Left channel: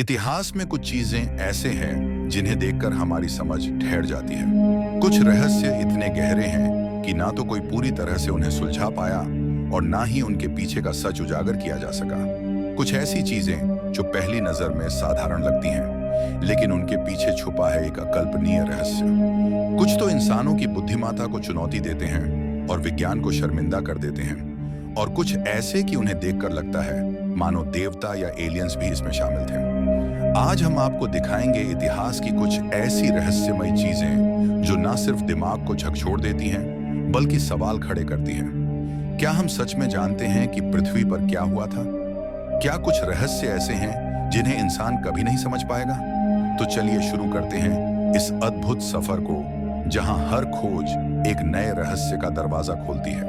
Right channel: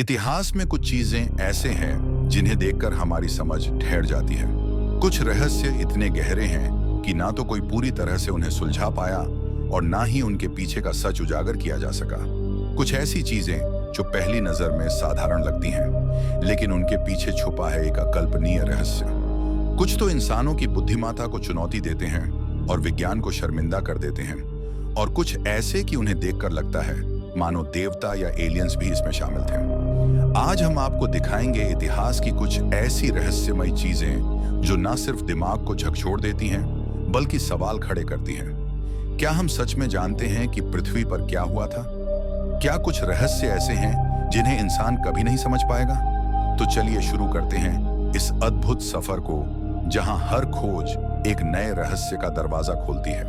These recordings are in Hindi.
इतिहास में कुछ चीजें ऐसे हैं जिन्हें देखकर हमारी समझ ठहर जाती है। कुछ रहस्य इतने गहरे हैं कि ना तो कोई पूरी तरह से उन्हें सुलझा पाया और ना ही उनके पीछे का सच उजागर किया जा सका। कुछ ऐसी चीजें जो पहली नजर में साधारण लगती हैं, लेकिन उनके पीछे छुपा है एक अकल्पनीय रहस्य। कुछ तो इंसानों की बुद्धिमत्ता को चुनौती देते हैं और विज्ञान को शर्मिंदा कर देते हैं, और कुछ ऐसे कि उन्हें देखकर लगता है मानो देवता या एलियंस भी इसमें शामिल थे। आज हम आपको दिखाएंगे इतिहास की कुछ ऐसी रहस्यमयी चीजें जो न सिर्फ दिमाग को झकझोर देती हैं, बल्कि सवाल खड़े करती हैं। क्या हम सच में जानते हैं कि पृथ्वी पर क्या हुआ था? क्या कुछ रहस्य ऐसे हैं जिन्हें इंसान कभी नहीं समझ पाएगा? तो चलिए शुरू करते हैं इस अद्भुत सफर को, जहां हर खोज एक नए रहस्य का दरवाजा खोलती है।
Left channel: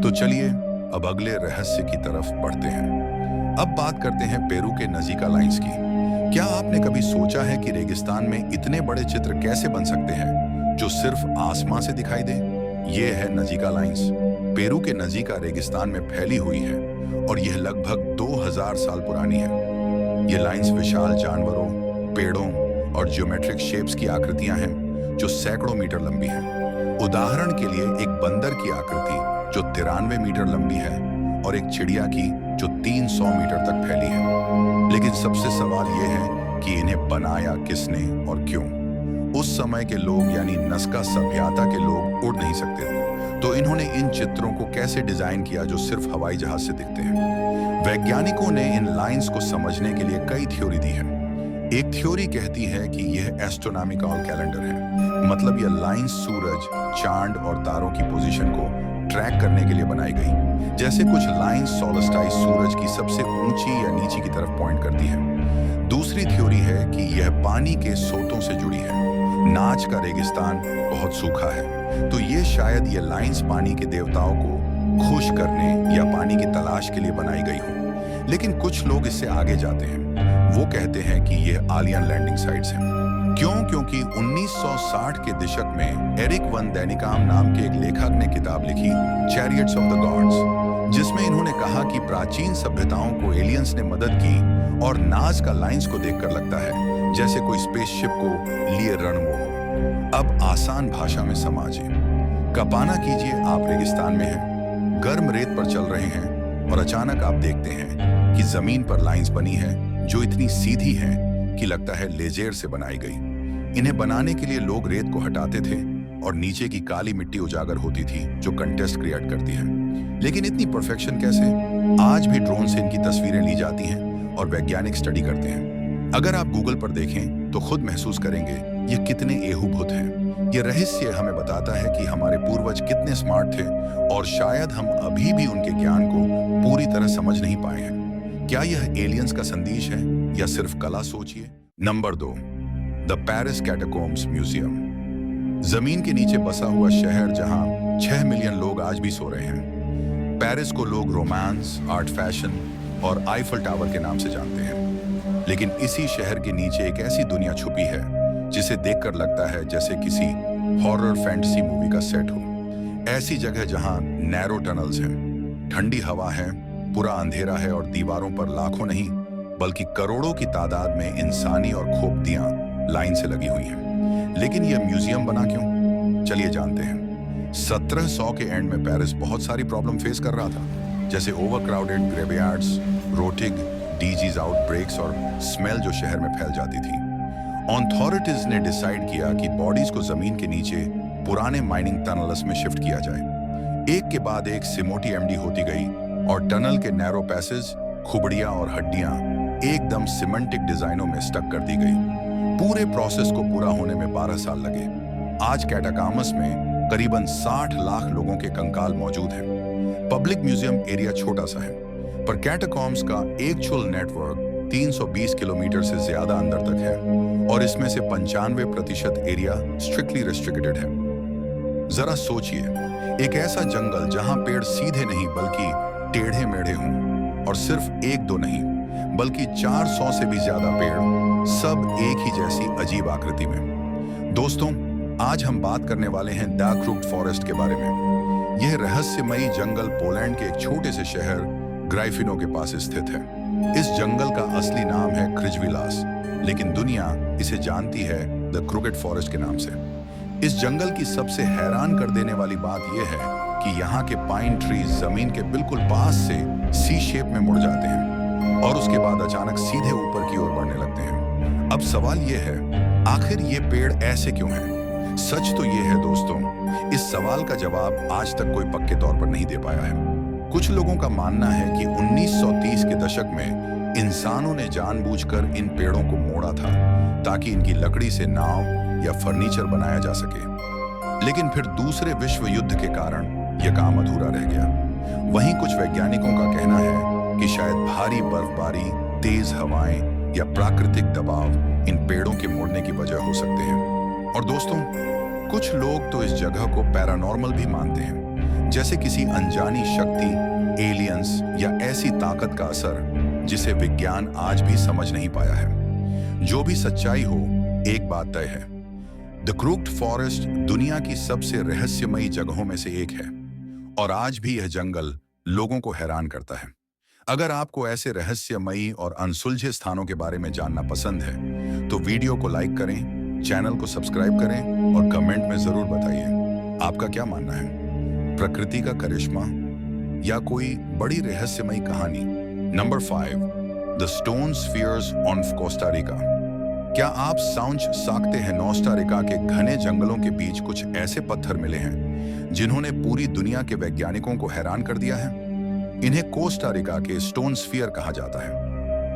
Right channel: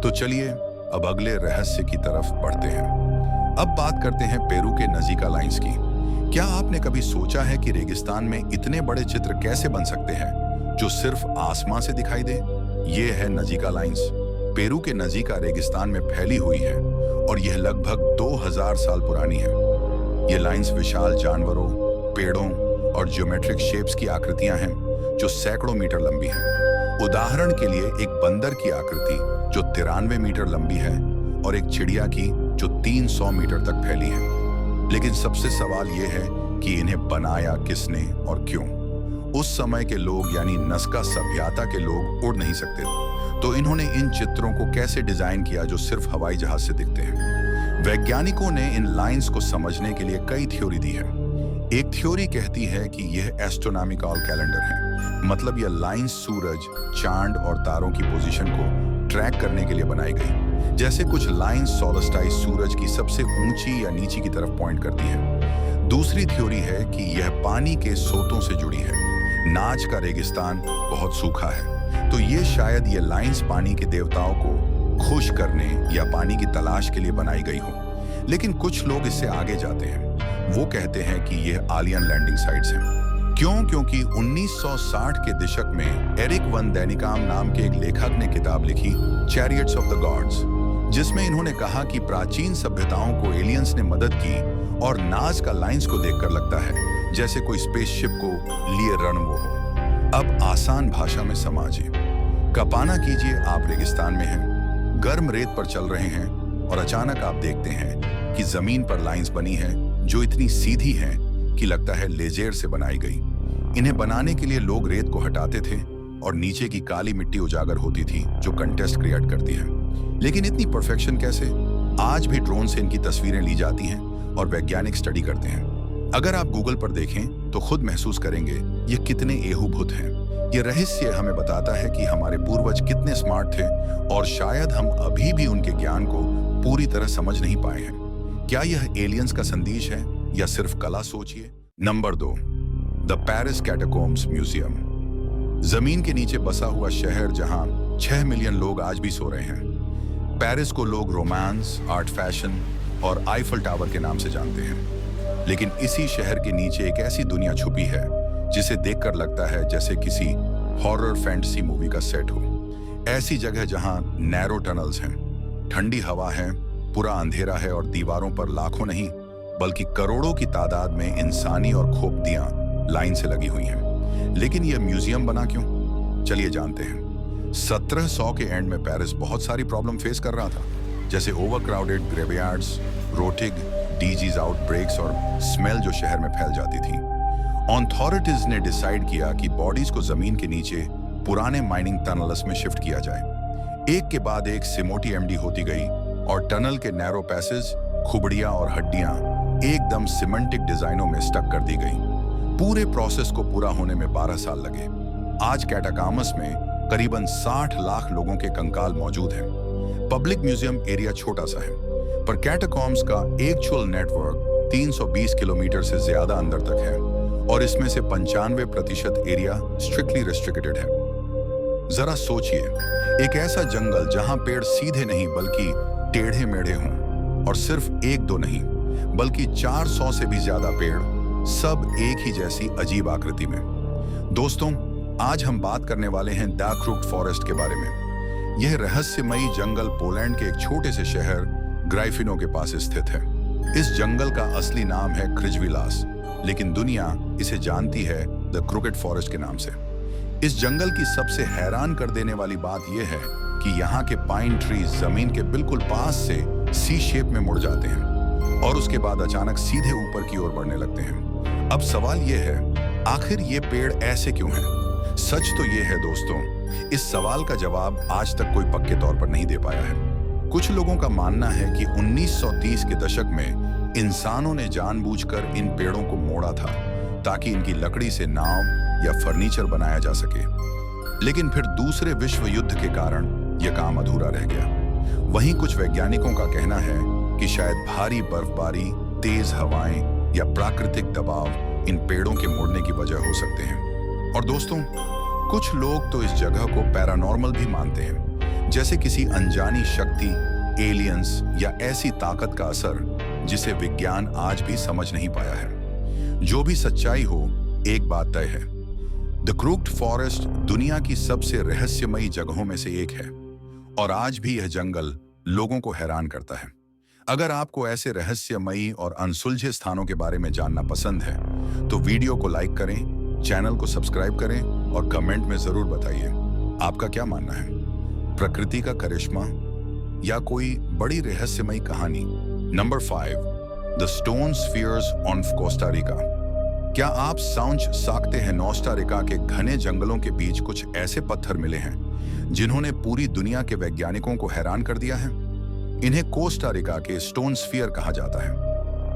तो चलिए अब अगले रहस्य की तरफ बढ़ते हैं। अब बात करते हैं पेरू के नजीका लाइंस की। क्या आपने कभी सोचा है कि रेगिस्तान में इतने बड़े चित्र कैसे बन सकते हैं जो सिर्फ आसमां से दिखाई दे? ये है नजीका लाइंस। पेरू के नजीका रेगिस्तान में फैली हुई है और यह लगभग 2000 साल पुरानी है। ये लाइंस विशाल जानवरों, पेड़ों और ज्योमेट्रिक शेप्स की आकृतियां हैं जो सैकड़ों मीटर लंबी हैं। उदाहरण के लिए एक बंदर की आकृति जो 93 मीटर लंबी है और एक चिड़िया की जो 300 मीटर तक फैली है। लेकिन सबसे सवाल यह है कि इन्हें बनाया किसने और क्यों? उस समय के लोग यानी नस्का सभ्यता के लोग उड़ नहीं सकते थे, तो इन्होंने इन चित्रों को कैसे डिजाइन किया जो सिर्फ हवाई जहाज से दिखते हैं? वैज्ञानिकों ने इन लाइंस को समझने के लिए कई थ्योरी दी है। एक थ्योरी कहती है कि यह एस्ट्रोनॉमिकल कैलेंडर है, मतलब यह लाइंस सूरज, चांद और तारों की पोजीशन को ट्रैक करने के लिए बनाई गई। जैसे कुछ लाइंस सोलस्टाइस सूरज की सबसे ऊंची या नीची की तरफ पॉइंट करती है। दूसरी थ्योरी है कि यह पानी के सोतों से जुड़ी है। नाच का रेगिस्तान बहुत सूखा है, तो ये शायद ये लाइंस पानी के देवताओं को खुश करने या पानी की तलाश के लिए बनाई गई हो। लेकिन कुछ लोग इससे आगे जाते हैं। वो कहते हैं कि यह आलियन लैंडिंग साइट्स हैं। क्यों? क्योंकि 1960 के दशक में एरिक वन डेनिकाम नाम के एक लेखक ने किताब लिखी चैरियट्स ऑफ द गॉड्स, जिसमें इन्होंने कहा कि प्राचीन सभ्यताओं को एलियंस ने मदद की और नाज का लाइंस को देखकर लगता है जैसे कोई स्पेसशिप को लिए रणवो हो। अब आसान भाषा में समझिए। कल्पना कीजिए आप रेगिस्तान में हैं, गर्म रेत पर चल रहे हैं और अचानक आप देखते हैं कि जमीन पर लाइंस बनी है जो इतनी सीधी हैं कि लगता है लेजर से बनाई गई। इन्हें बनाने के लिए लोग रेत को हटाते थे और नीचे की काली मिट्टी उजागर होती थी जो कंटेस्ट क्रिएट करती है। लेकिन इतनी परफेक्शन कैसे? आज भी ड्रोन से इनकी तस्वीरें ली जाती हैं और वैज्ञानिक स्टडी करते हैं। अगर आप गूगल पर देखें तो खुद महसूस करेंगे ये कितने एहूभूत हैं। ये रहस्य हमें बताता है कि हमारे पूर्वज कितने स्मार्ट थे और शायद हम अभी भी उनके ज्ञान को पूरी तरह समझ नहीं पाए हैं। क्या यह एलियंस का संदेश है या सिर्फ कला? सोचिए। Number 2, the Paris catacombs museum. जमीन के नीचे बसा हुआ शहर जहां 6 मिलियन लोग आज भी सो रहे हैं। पेरिस को लोग रोमांस, आर्ट, फैशन और आईफल टावर के नाम से जानते हैं। लेकिन इसी शहर के नीचे एक ऐसी दुनिया छुपी है जिसे देखकर लगता है जैसे किसी हॉरर फैंटेसी मूवी का सेट हो। ऐसी जगह जहां नैरो टनल्स हैं, ठंडी हवा है, पूरा अंधेरा है और दीवारों पर लाखों नहीं बल्कि करोड़ों की तादाद में इंसानी और खोपड़ियां लाइन से लगी हुई हैं। लेकिन यह म्यूजियम बना क्यों? चलिए जानते हैं। 1700 के एंड में पेरिस बहुत सारी प्रॉब्लम फेस कर रहा था, जैसे ओवरक्राउडेड ग्रेवयार्ड्स, रोटिग, डिजीज आउटब्रेक्स और स्मेल जो शहर में फैल जाती थी। अथॉरिटीज ने डिसाइड किया कि बॉडीज को जमीन के नीचे पुराने माइनिंग टनल्स में शिफ्ट किया जाए। एक के बाद एक सिमोटी एमडी होती गई और टनल के नैरो पैसेज, खुबड़ियां और हड्डियां एकदम सिमेंटिक डिजाइनों में स्टक कर दी गई। पूरे प्रोसेस को पूरा होने में 12 साल लगे। आज कैटाकॉम्स में करीबन 60 लाख लोगों के कंकाल मौजूद हैं। पब्लिक म्यूजियम एरिया छोटा सा है, पर कैटाकॉम्स का एक्चुअल नेटवर्क 320 किलोमीटर से ज्यादा अंदर तक है और इसमें से 95% एरिया स्ट्रिक्टली रेस्ट्रिक्टेड है। जरा सोचिए, एक ऐसा जंगल जहां पेड़ सीधे नहीं बल्कि टेढ़े मेढ़े हों, और सिर्फ 1-2 नहीं बल्कि 400 से भी ज्यादा पेड़, सब एक ही जैसी अजीब आकृति में। दोस्तों, आज हम बात करने वाले हैं डार्क फॉरेस्ट के बारे में। यह रहस्यमयी जंगल पोलैंड के एक छोटे से शहर ग्राइफिनो के पास स्थित है। इस जंगल का असली नाम है खृजविलास, लेकिन दुनिया इसे जानती है द क्रुकेड फॉरेस्ट के नाम से। इस जंगल की सबसे हैरान कर देने वाली बात यह है कि यहाँ के पाइन ट्रीज जमीन के बिल्कुल पास से सी शेप में मुड़ जाते हैं और उसके बाद अचानक सीधे ऊपर की ओर बढ़ने लगते हैं। अब सवाल यह है, आखिर ये पेड़ ऐसे क्यों हैं? सच तो ये है दोस्तों, इस सवाल का जवाब आज तक कोई पक्के तौर पर नहीं दे पाया है। कुछ लोगों का मानना है कि 1930 के दशक में इंसानों ने जानबूझकर इन पेड़ों को मोड़ा था ताकि इनकी लकड़ी से नाव या फर्नीचर बनाया जा सके, लेकिन फिर दूसरे विश्व युद्ध के कारण यह काम अधूरा रह गया। वहीं कुछ वैज्ञानिकों का कहना है कि शायद भारी बर्फबारी, तेज हवाएं या प्राकृतिक दबाव इन पेड़ों के मुड़ने की वजह हो सकते हैं। और दोस्तों, कुछ लोग तो इस जगह को पैरानॉर्मल भी मानते हैं, जैसे किसी अनजानी शक्ति, एलियंस या ऐसी ताकत का असर जिसे विज्ञान आज भी समझ नहीं पाया है। जो भी सच्चाई हो, एक बात तय है, द क्रुक्ड फॉरेस्ट दुनिया की सबसे रहस्यमयी जगहों में से एक है और आज भी यह जंगल लोगों को हैरान करता है। अगर आपको ऐसे रहस्यमयी और अनसुलझे स्थानों के बारे में जानना पसंद है तो वीडियो को लाइक करें, चैनल को सब्सक्राइब करें और कमेंट में जरूर बताइए आपका क्या मानना है, प्रकृति का करिश्मा या कोई बड़ी रहस्यमयी कहानी। Number 5, the stone spheres on Costa Rica. क्या आप समझ सकते हैं, कोस्टा रिका के घने जंगलों के बीच कुछ ऐसे पत्थर मिले हैं जिन्होंने पूरी दुनिया के वैज्ञानिकों को हैरान कर दिया है। इन्हें कोस्टा रिका के स्टोन स्फीयर कहा जाता है।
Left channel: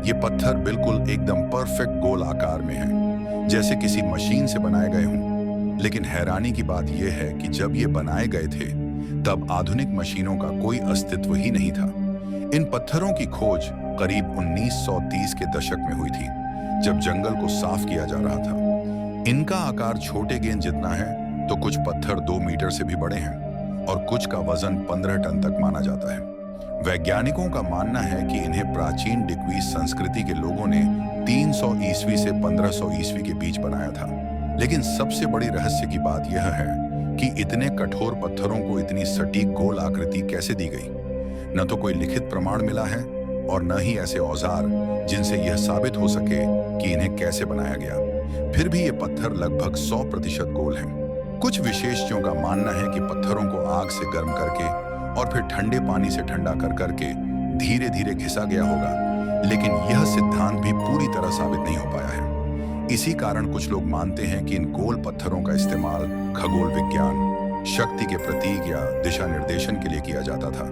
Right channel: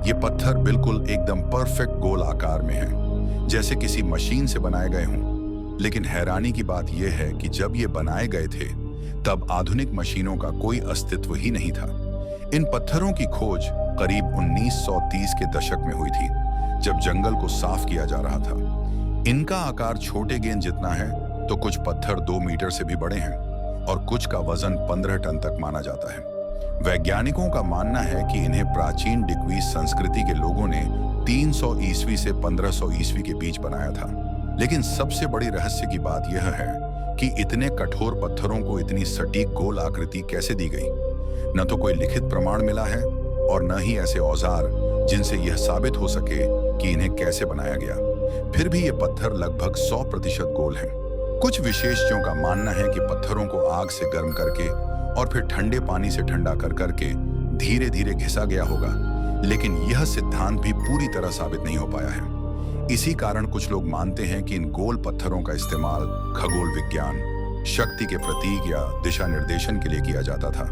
ये पत्थर बिल्कुल एकदम परफेक्ट गोल आकार में हैं, जैसे किसी मशीन से बनाए गए हों। लेकिन हैरानी की बात यह है कि जब ये बनाए गए थे तब आधुनिक मशीनों का कोई अस्तित्व ही नहीं था। इन पत्थरों की खोज करीब 1930 के दशक में हुई थी, जब जंगल को साफ किया जा रहा था। इनका आकार छोटे गेंद जितना है, तो कुछ पत्थर 2 मीटर से भी बड़े हैं और कुछ का वजन 15 टन तक माना जाता है। वैज्ञानिकों का मानना है कि इन्हें प्राचीन डिक्वीज संस्कृति के लोगों ने 300 ईस्वी से 1500 ईस्वी के बीच बनाया था। लेकिन सबसे बड़ी रहस्य की बात यह है कि इतने कठोर पत्थरों को इतनी सटीक गोल आकृति कैसे दी गई। न तो कोई लिखित प्रमाण मिला है और न ही ऐसे औजार जिनसे यह साबित हो सके कि इन्हें कैसे बनाया गया। फिर भी ये पत्थर लगभग 100% गोल हैं। कुछ विशेषज्ञों का मानना है कि पत्थरों को आग से गर्म करके और फिर ठंडे पानी से ठंडा कर करके धीरे धीरे घिसा गया होगा, लेकिन यह सिद्धांत भी पूरी तरह साबित नहीं हो पाया है। इसी कारण कुछ लोग मानते हैं कि इन गोल पत्थरों का इस्तेमाल खगोल विज्ञान, शक्ति के प्रतीक या दिशा निर्देशन के लिए किया जाता था,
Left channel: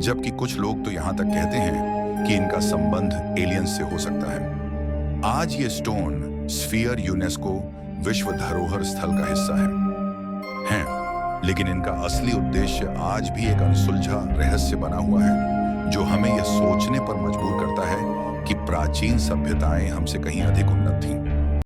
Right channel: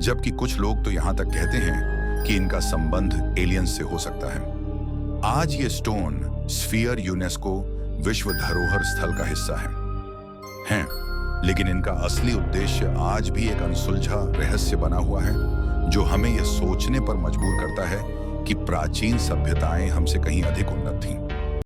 जबकि कुछ लोग तो यहाँ तक कहते हैं कि इनका संबंध एलियंस से हो सकता है। आज ये स्टोन स्फीयर यूनेस्को विश्व धरोहर स्थल का हिस्सा हैं, लेकिन इनका असली उद्देश्य आज भी एक अनसुलझा रहस्य बना हुआ है, जो हमें यह सोचने पर मजबूर करता है कि प्राचीन सभ्यताएं हमसे कहीं अधिक उन्नत थीं।